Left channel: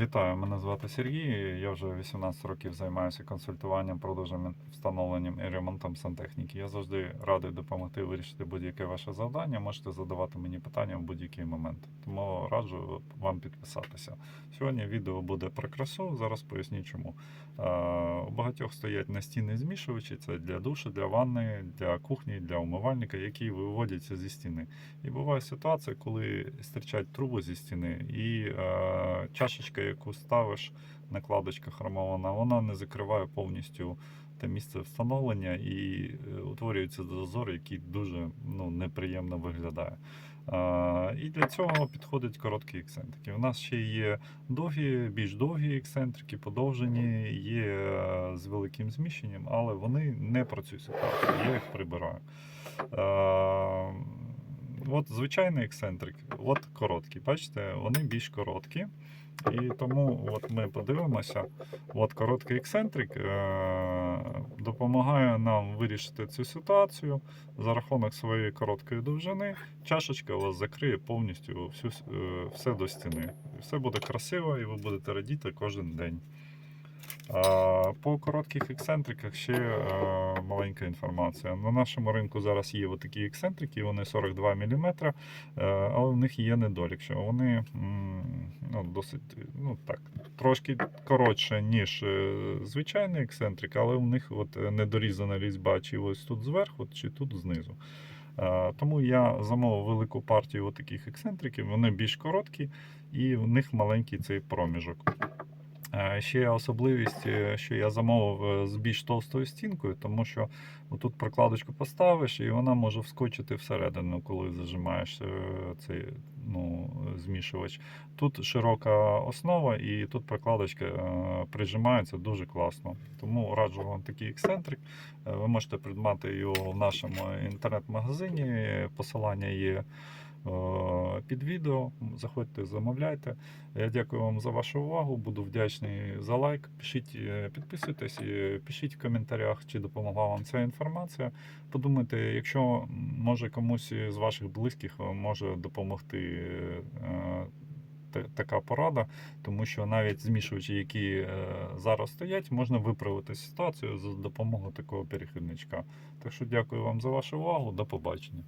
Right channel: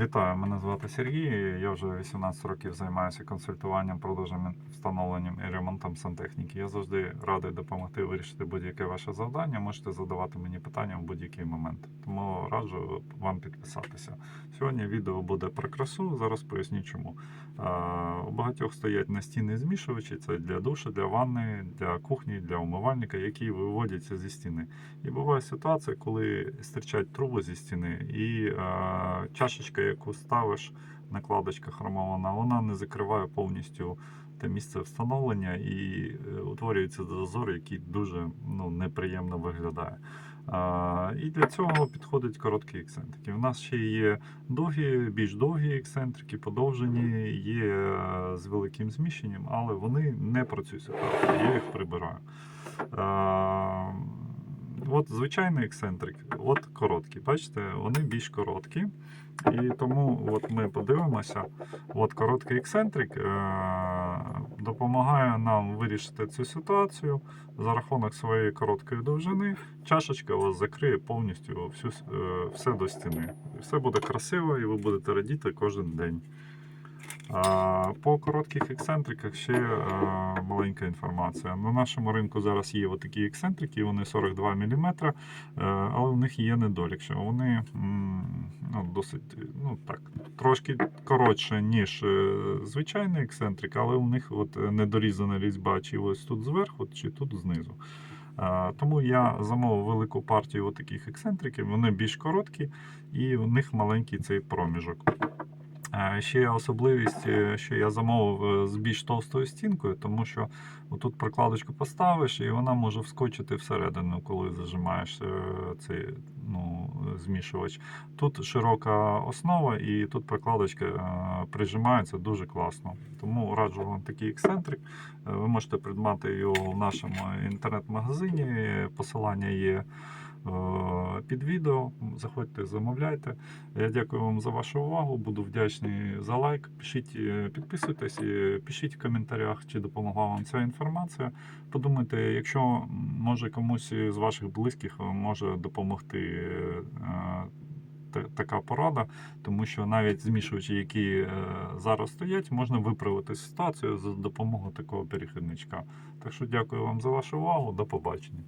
Вітаю, мене звати Сергій. Я вже 18 років займаюся консультуванням, продажем, встановленням і ремонтом сантехніки. Я завжди радий допомогти вирішити будь-яке ваше завдання. Можете задавати мені питання в будь-який момент. Тому раджу вам підписатися. Сьогодні відео буде про красу. Зараз поясню чому. Е, У багатьох стоять настінні змішувачі. Це для душу, для ванни, для кухні, для умивальника, які виводяться зі стіни. І буває ситуація, коли стирчать труби зі стіни, і е, чашечка, яку ставиш, накладочка хромована, вона не закриває повністю те місце встановлення і е, утворюється зазор, який дуже ну, неприємно виглядає. Е, і для цього підходять короткі ексцентрики. У нас ще є довгі, більш довгі ексцентрики, подовжені, є е, з великим зміщенням, але вони не працюють. Я їх прибираю. Е, От звичайний ексцентрик, от короткі. Бачите, вони більш короткі. І тому от ми подивимося, от короткий ексцентрик е- допомагає нам вирішити цю ситуацію за рахунок своєї короткої довжини. Чашечка у вас закриє повністю всю, е, все до стіни. Все буде красиво і ви будете радіти кожен день. По коротких ексцентриках ще е, маленька інформація. На нашому ринку зараз є такі ексцентрики, вони 42 мм, е, але в них є недолік, що вони ну, досить ну, так, трошки коротше, ніж е, звичайний ексцентрик, але у них от недорізана різьба чи ось тут зверху, чи тут знизу. Тому я замовив велику партію таких ексцентриків, вони більш короткі і в них маленький цей проміжок. Ще особливість, е, що я замовив е, з більш товстою стінкою, тому що тут прокладочку поставиш, і вона може вскочити всередину, коли зажимаєш е, цей ну, змішувач. Тут широка основа, і тут прокладочка прижимається дуже класно. Тому раджу вам такий ексцентрик. Ви можете придбати його в нашому інтернет-магазині. Посилання є під відео. Заходьте, замовляйте. Я дякую вам за вашу увагу. Буду вдячний за лайк. Пишіть, е, підписуйтесь, е, пишіть в коментарях, чи допомогла вам ця інформація. Подумайте, якщо може комусь з ваших близьких е, може допомогти. е, Така порада, тому що навіть змішувачі, які е, зараз стоять, можна виправити ситуацію за допомогою такого перехідничка. Так що дякую вам за вашу увагу. До побачення.